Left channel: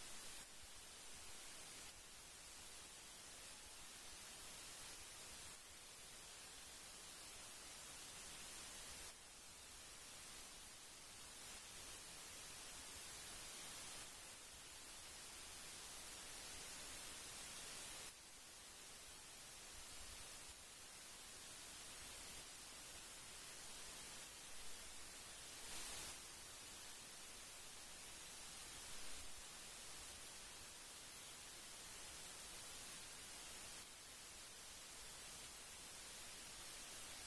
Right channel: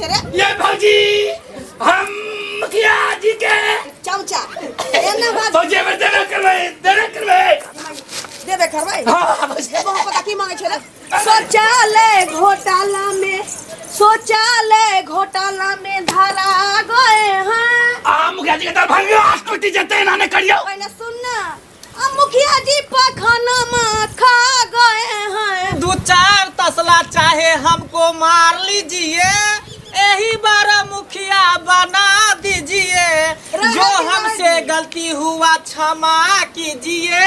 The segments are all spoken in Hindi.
छे रे? ये भौजी हम मुखिया जी के चमचा एना बात भौजी हमर देबे करबै देबे करबै। हां बस ये बहुत पता की मांगे छे रे? शौचालय घोटाला में धरा गए हैं। आ मुखिया जी के तर भांगे आस्कुटी जते ना ने करियो। पहले सुन ना, अब मुखिया जी पखाना में खा गए हैं। 2-4 तसला चाहे हमको मार लीजिए, यही बार मुखिया बना दीजिए। जो हमसे गलती हुआ क्षमा कीजिए,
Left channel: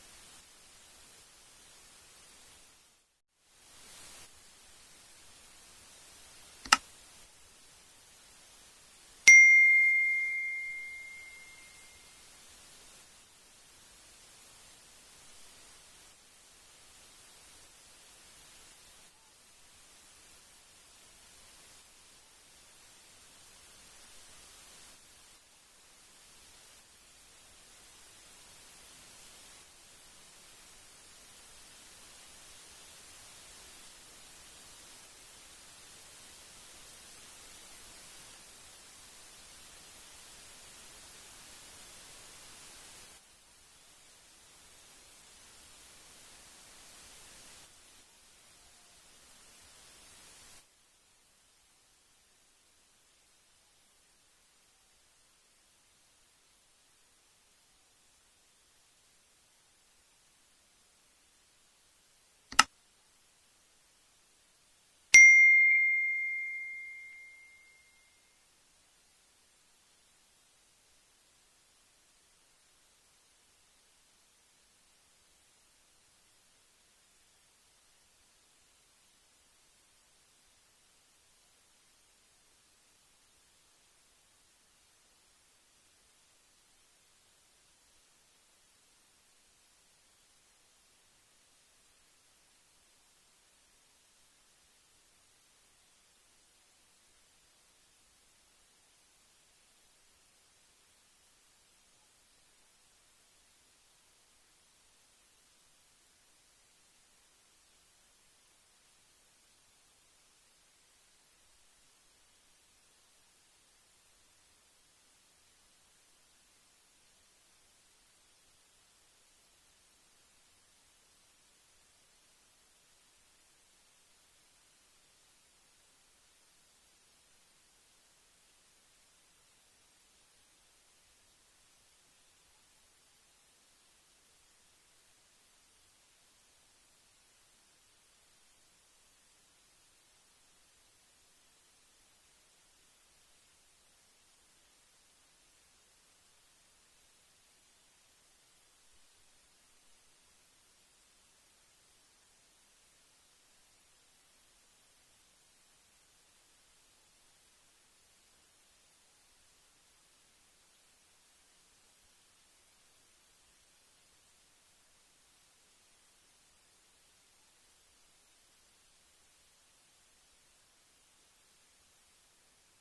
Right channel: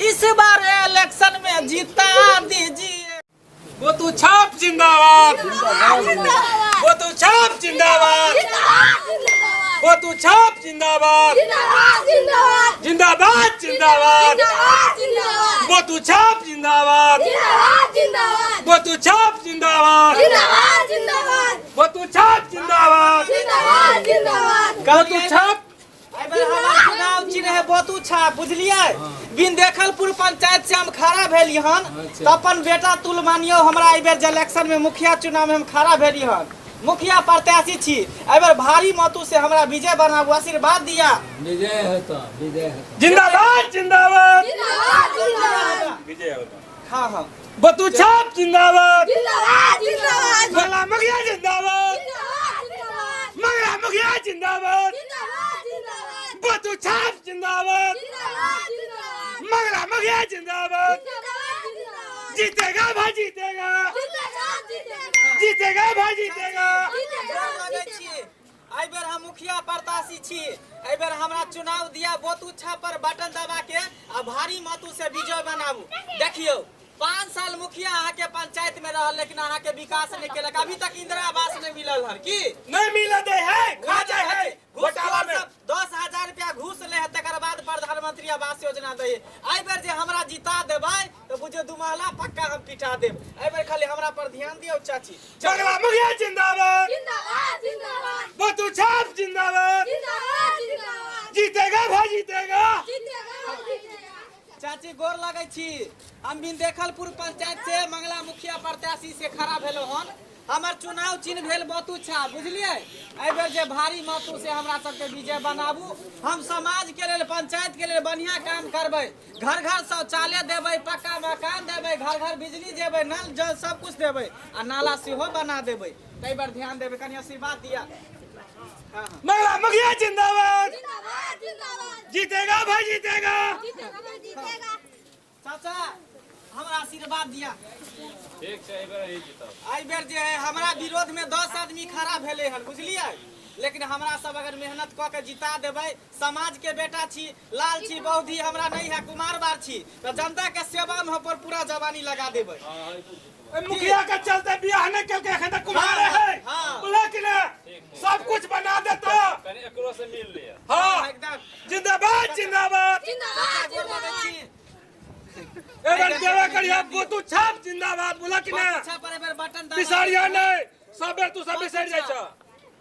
इस बार इलेक्शन में जिता दीजिए। वो तू छाप जिंदाबाद, वो तू छाप जिंदाबाद, वो तू छाप जिंदाबाद, जिंदाबाद जिंदाबाद, वो तू छाप जिंदाबाद, वो तू छाप जिंदाबाद, वो तू छाप जिंदाबाद, वो तू छाप। चुनाव चिन्ह है बोतू छाप, बुझलिए? बिन देखलपुर पंचायत से हम खड़ा भेली हन, तो अपन बेटा तुल मानियो हमरा एहि बेर इलेक्शन में मुखिया चुनाव में हम खड़ा भेली हन। मुखिया प्रत्याशी छी, एहि बेर भारी मतों से हमरा विजय बनाबू, आशीर्वाद दिया। विजय होता, विजय होता। जिंदाबाद जिंदाबाद, विजय होता। हाँ हाँ, वो तू छाप जिंदाबाद, जिंदाबाद मंगला मुखिया जिंदाबाद, मंगला मुखिया जिंदाबाद, वो तू छाप जिंदाबाद, मंगला मुखिया जिंदाबाद। जीतेगा भाई जीतेगा, जीतेगा भाई जीतेगा। एहि बेर हम मुखिया प्रत्याशी छी, एहि बेर हमरा चुनाव दिया, बोतू छाप पर बटन दबा के आ भारी मतों से विजय बनाबू। देखियो 5 साल मुखिया अहाँ के पंचायत में रहल, लेकिन अहाँ के विकास नहीं केलक। अभी तक इंदिरा आवास नहीं मिलल हन की नहीं मिला दे है, खा जाए है घोटाला में। 10,000 रुपया घूस ले है, तकर बाद प्रधानमंत्री आवास योजना दे। एहि बेर जे हमरा जिता देबै तो बुझियो 2 महला पक्का हम पिटा देब। एहि बेर खाली हमरा पर ध्यान दियो चाची। मंगला मुखिया जिंदाबाद, वो तू छाप जिंदाबाद, जीतेगा भाई जीतेगा। चाची गोर लगे छी, हम बिन देखलपुर पंचायत से मंगला मुखिया प्रत्याशी से खड़ा भेलो हन। हमर चुनाव चिन्ह भेल बोतू छाप, बुझलिए? एहि बेर जे भारी मतों से हमरा सबके विजय बनाबू। हम समाज के लेल, पंचायत के लेल बढ़िया काम करबै। घर घर शौचालय देबै, पक्का मकान देबै, घर घर बिजली देबै, नल जल सब कुछ देबै, आ नाला सेहो बना देबै। एहि बेर ध्यान देबै, कनी आशीर्वाद दिया। मंगला मुखिया जिंदाबाद, जीतेगा भाई जीतेगा। चाचा हमरा आशीर्वाद दिया। ठीक छै, एहि बेर ही जीतब। एहि बेर जे है हमरा विरोध में 10 आदमी खड़ा भेले हन, बुझलिए? लेकिन हमरा सब अगर मेहनत क के जिता देबै, समाज के बेटा छी, लाल छी, बहुधी हमरा नहीं है, कुमार बार छी, तो जनता के सेवा में पर पूरा जवानी लगा देबै। मुखिया के चलते बियाह नहीं करके एखन तक कुमार है, बोला कि ना सब कुछ बना देता। कनी एकरो से मिल लिया। हाँ एकदम जिंदाबाद जिंदाबाद, एबर देवा करिया वो तू छाप जिंदाबाद, बोला कि ना अच्छा पर एबर बटन दबा। बिसारिया नहीं, सब बेर तू सब बिसार जाय छ,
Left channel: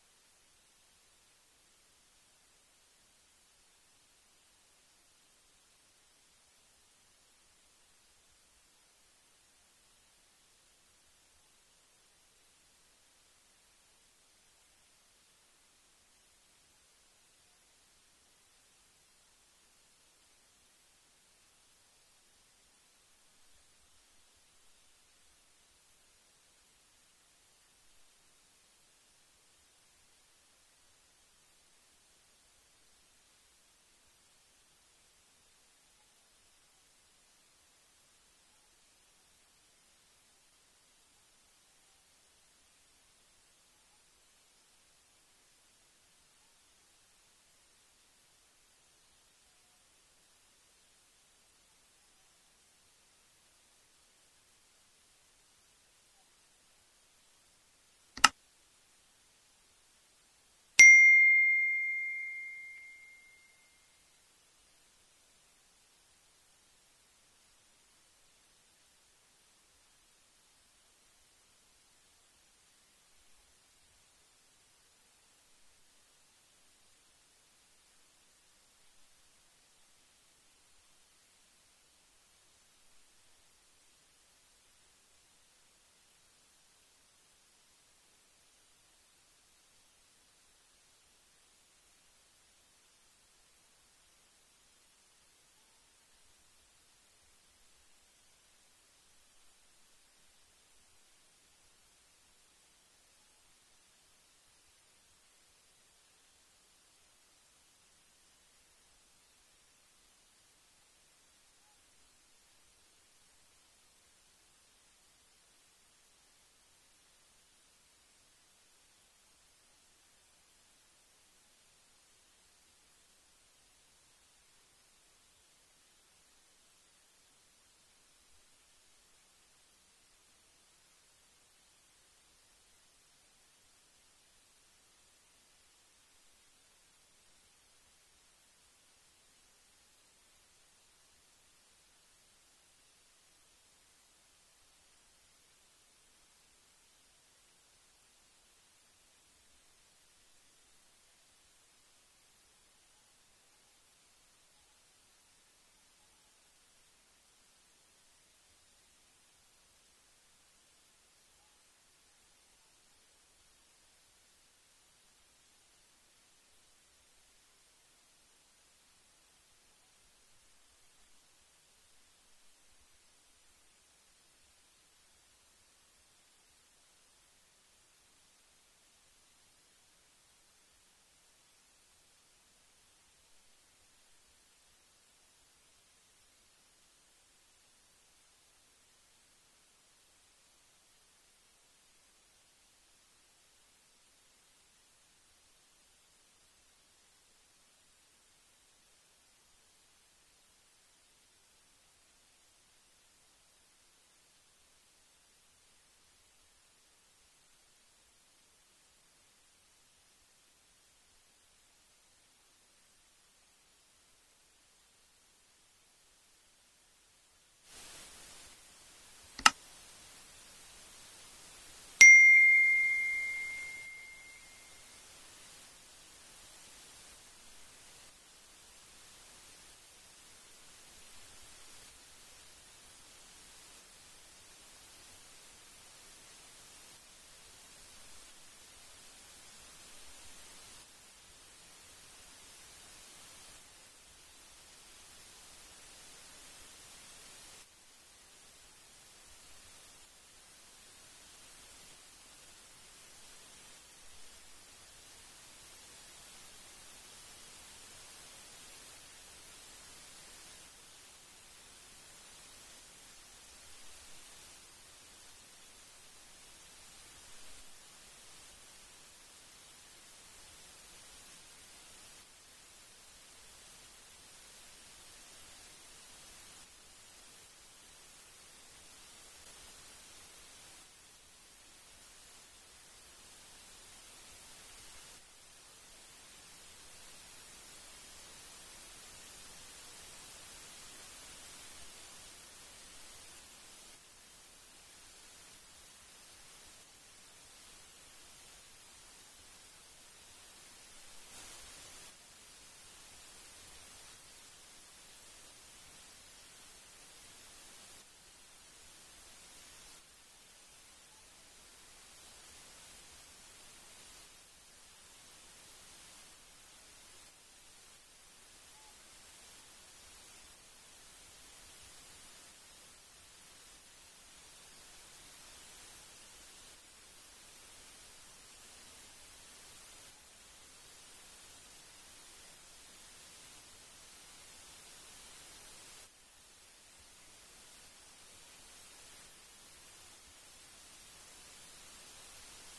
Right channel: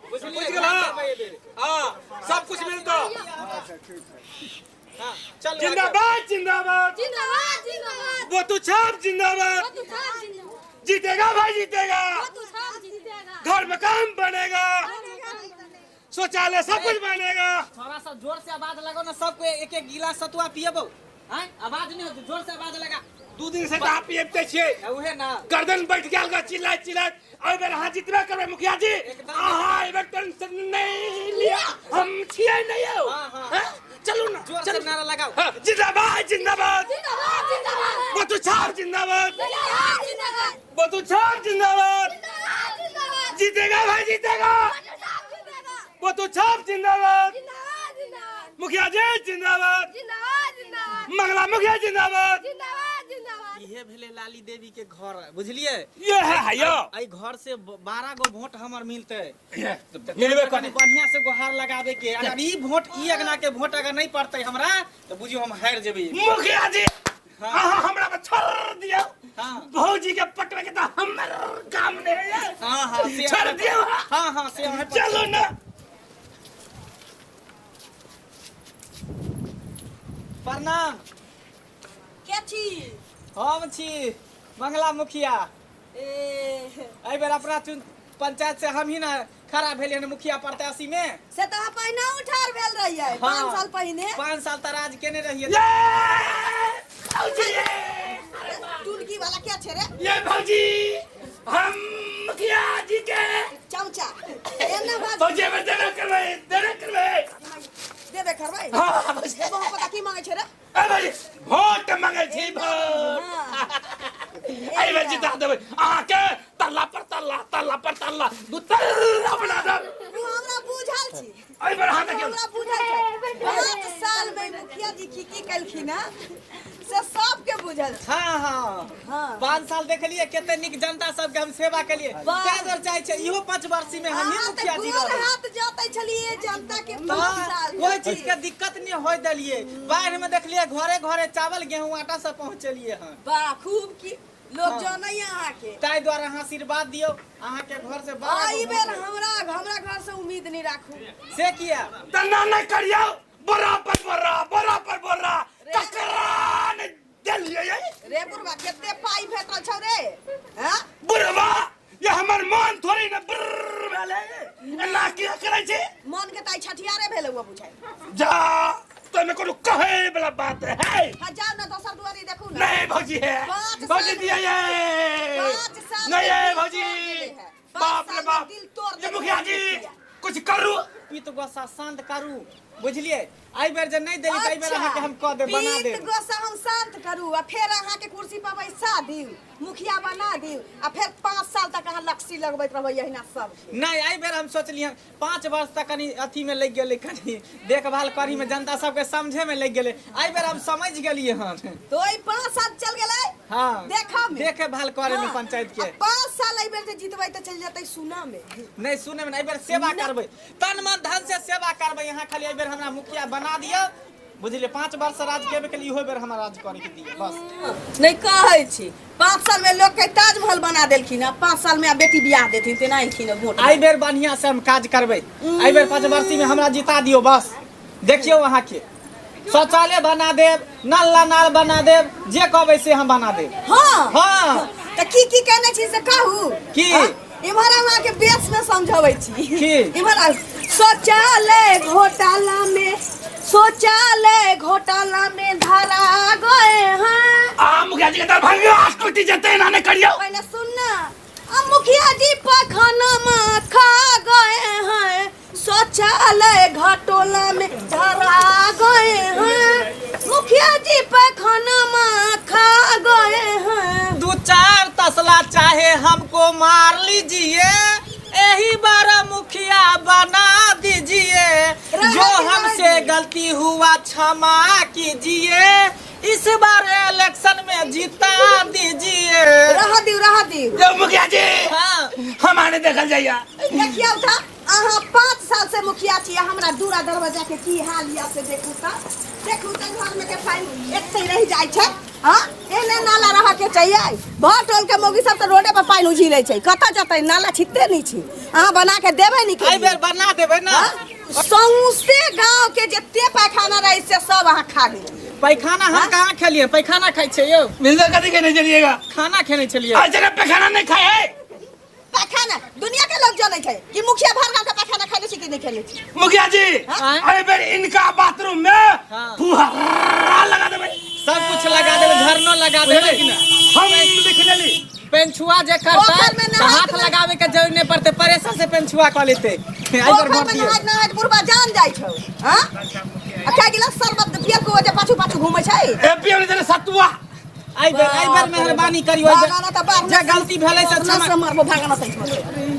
बुझ गेला? हां सब कुछ मिलता। हां चल जिंदाबाद जिंदाबाद, वो तू छाप जिंदाबाद, जीतेगा भाई जीतेगा। घर में काम बनेगा, शौचालय सब कुछ बनेगा। थोड़ा सा जोर से आवाज लगाओ ना, सबको एक एक गिलास सतुआ पिएबो। हैं आवाज नहीं हो, जोर से आवाज लगा। 2 दिन से आप पिएते छिए, उहे ना गर्दन बैठ गेल का चिल्ला चिल्ला। एहि बेर अहाँ जितबे करबै मुखिया जी। अहाँ एहि बेर टेंशन नहीं लिया, हम छिए नहीं हो। हैं चलू ना, जोर से नारा लगाओ। जिंदाबाद जिंदाबाद, वो तू छाप जिंदाबाद, वो तू छाप जिंदाबाद, जीतेगा भाई जीतेगा। वो तू छाप जिंदाबाद, मुखिया जी जिंदाबाद, मंगला मुखिया जिंदाबाद। इहे भेले लाली देवी के घर, बुझलिए? ये है यो, आई घर से 12 गो वोट हमर मिलते। मिलबे कनी करे। बढ़िया से गुहार लगावे के। अगर ई वोट, ई अगना के वोट अगर नहीं पड़ते हमरा, तो बुझियो हम हार जेबे। मुखिया जी अहाँ हमरा पर छोड़ दियो। हां भौजी के पकड़ के तो हमर काम नहीं है। हां हां से छोड़ दियो। हां हां से चलो ना। प्रणाम। क्या छी? हम छी मंगला मुखिया। एहि बेर अपना पंचायत से हम ही ना खड़ा भेलिए ना मुखिया प्रत्याशी में। से तो पहिना उठार भेल रही है 5 साल पहले। 5 साल तक राज केने रहिए। ये भौजी टुनकी वाला क्या छे रे? ये भौजी हम मुखिया जी के चमचा एने बात भौजी में देना करवे देबे करबै। हां भौजी ये बहुत पता की मांगे छे रे? ए भौजी वोट मांगे छी वोट आई बार जिता देबै आके तल्ला पर तल्ला दू तल्ला बना दे। तू हमरा बुझल छी। आई बार हां देखियो हमरा बुझल छै 5 साल में मुखिया जी की कलखिन ना से सबके बुझल छै। हाँ हाँ हाँ। 5 साल देखलिए केते निक जनता सबके हम सेवा केलिए। क्या दर चाहे छै इहो 5 वर्षी में हम ही मुखिया जी गोर रहे। हाथ जोतै छलिए जनता के 5 हाँ, साल कोई चीज के दिक्कत नहीं होय देलिए। बाढ़ में देखलिए घरे घरे चावल गेहूं आटा सब पहुंचलिए हैं। वाह खूब की लोग जानै अहाँ के। ताई द्वारा अहाँ आशीर्वाद दियो अहाँ के घर से आई बेर हमरा घर से उम्मीद नहीं राखू। से किया तना न करियो बराबर बोरा ककरान देलिए रे बुढ़वा केते पाई भेटल छौ रे? हैं बुढ़वा ये हमर मन थोड़ी न बुर्र भेले एना की करे छी मन के ताई छठियारे भेल हुआ बुझाई। जा तो में कोनो कहे वाला बात है हजार न दोसर दुआरी देखू ना। नहीं भौजी है 5 भौजी साल दिया ये 5 साल नहीं है में भौजी पाँच बाप रे साल में बाप दिल तोड़ ये देलकै मुखिया जी कुछ करू पीत गोसा शांत करू बुझलिए। आई बेर जे नहीं देली ताई बेर अहाँ के हम कह दे बना दे। पीत गोसा हम शांत करू आ फिर अहाँ के कुर्सी पर बैसा दिउ मुखिया बना दिउ आ फिर 5 साल तक अहाँ लक्ष्य लगबैत रहबै यहिना सब के। नहीं आई बेर हम सोचलिए 5 वर्ष तक कनी अथी में लग गेले कनी देखभाल करी में जनता सबके समझे में लग गेले। आई बेर हम समझ गेलिए हन तो ई 5 साल चल गेलै। हां देखा में देखभाल करे में पंचायत के 5 साल आई बेर जे जितबै त चल जतै सुना में। नहीं सुने में आई बेर सेवा करबै तन मन धन से सेवा करबै। यहाँ खाली आई बेर हमरा मुखिया बना दियो बुझलिए। 5 वर्ष राज केबे के लिए इहो बेर हमरा राज करे के दिए बस। नहीं कहै छी 5 साल में लोग के ताजमहल बना देलखिन आ 5 साल में आ बेटी बियाह देथिन तेना इखिन वोट। आई बेर बढ़िया से हम काज करबै। आई बेर 5 वर्षी में हमरा जिता दियो बस। देखियो वहाँ के शौचालय बना देब नाल बना देब जे कहबै से हम बना देब। हां हां त की कहने छी से कहू की इमहर अहाँ के बेस में समझाबै छी की इमहर शौचालय घोटाला में धरा गए हैं। आ मुखिया जी के दरभंगा आस्कुटी जते ना ने करियो पहले सुनना अब मुखिया जी पैखाना में खा गए हैं शौचालय घोटाला में धरा गए हैं। मुखिया जी पैखाना में खा गए हैं। 2-4 तसला चाहे हमको मार लीजिए यही बार मुखिया बना दीजिए। जो हमसे गलती हुआ क्षमा कीजिए इस बार इलेक्शन में जिता दीजिए। रहा दियो जो मुखिया जी हाँ हमारे देखल जाइया देखियो था अहाँ 5 साल से मुखिया छी हमरा दूरा दरवाजा के की हाल या से देखू त घर में के पानी एते रह जाय छै। हां एने नाला रहा के चाहिए भर टोल के मोगी सब त रोडे पर पानी उझिले छै कता जतै नाला छिते नहीं छी अहाँ बना के देबै नहीं के आई बेर बना देबै ना। सौंसे गांव के जत्ते पैखाना रहे से सब अहाँ खा गेल। पैखाना हम कहाँ खेलिए पैखाना खाई छे यो मिलदा कदी के नहीं चलिएगा खाना खेने छलिए। आज जगह पैखाना नहीं खाए है पैखाना दुनिया के लोग जाने छै कि मुखिया भर गांव के पैखाना खाइले छी कि नहीं खाइले छी। मुखिया जी हाँ? अरे बेर इनका बाथरूम में हाँ। फुहारा लगा देबै सब कुछ लगा देबै झरनो लगा देबै हम लिख लेली पेंछुआ जे करता पोखर में तो नहाय हाथ लगावे के जरूरत नहीं पड़ते परेशान से पेंछुआ कर लेते। आई बेर पोखर वोट में दियो नहाय बुढ़वा जान जाय छौ। हां आ क्या गिलास शरबत पियल को जे पाछू घूमै छै। ए पियोने जने सतुआ आई बेर मेहरबानी करियो भागाना त बाप जे गलती भेलै से क्षमा से मारबो भागाना त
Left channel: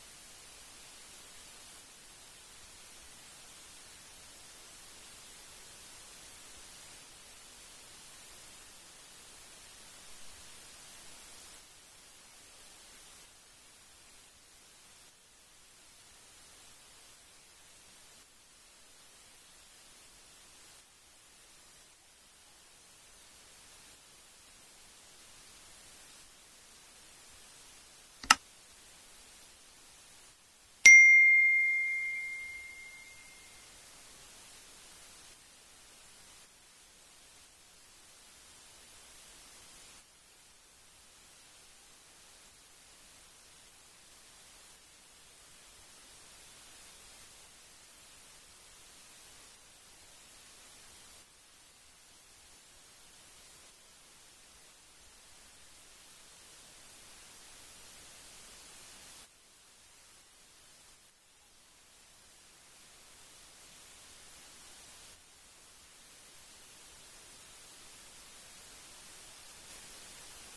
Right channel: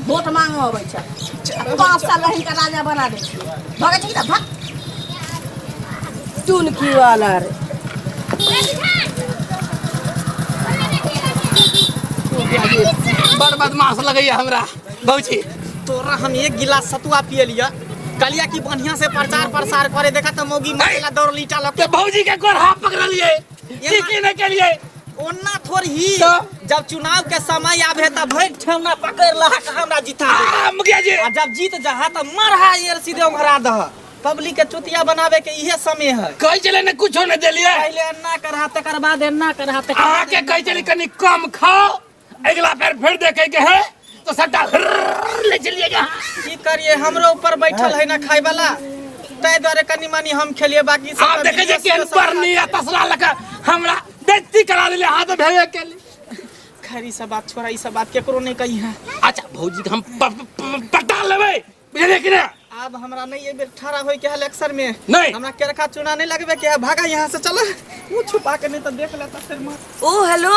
वोट मांगो अबै छै 5 साल रहिन का राजा बना दे छी भागे छी त भाग टुनकी वाला रे बड़ बदमाश लगैया हमरा भौजी तोरा हम 1 गिलास सतुआ पिए लिया कलिया की बढ़िया से प्रचार प्रसार करे देखा त मोगी मरेला दौड़ लीटा लग के भौजी के गोरहा पकड़लिए की नहीं के लिए ओन्ना थोड़ी ही तो? जब चुनाव के समय आवे त भैट ठेवना पकड़ लहा के हमरा जिता दे मुखिया जी आ जब जीत जहा त मरहा यार सीधे उघरा दह पब्लिक के चुतिया बनावे के इहे समय है। कह चले ने कुछो नहीं देलिए पहले अन्ना करहा तकर बाद अन्ना करहा तकर आके कह चली कनी कम खाओ अगला फिर देखे के है तो सट्टा ले चलिएगा। की करिए हमरो ऊपर बैठल है ना खाए वाला, ताहि द्वारे कनी मनी हम खेलिए, बाकी सब आप देखे जे केन पर नहीं तसला लगा हमरा बेइज्जती करा देले हाथ भेवे के लिए। खैर ई सब बात छोड़ा, ई सब बात केकरो नहीं कही है। अच्छा भौजी के हम पटा लेबै बुझले कि ना। अब हमरा नहीं ये बेर ठहरा होई के इलेक्शन में नहीं। हमरा केरखा चुना नहीं लगबे के है, भागा यहाँ से चलो। मुंह छुपा के नहीं तो देख लेता फिर मत। ओ हेलो,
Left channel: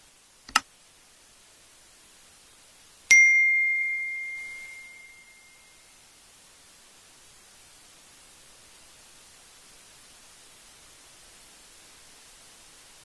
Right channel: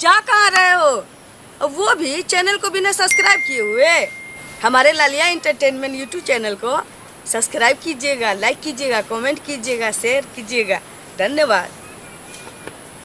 क्या कहाँ रहे हो? वो भी चैनल को बिना सब्सक्राइब किए हुए। हमारे लालिया एंटरटेनमेंट यूट्यूब चैनल को सब्सक्राइब कीजिएगा, लाइक कीजिएगा, कमेंट कीजिएगा, शेयर कीजिएगा। धन्यवाद।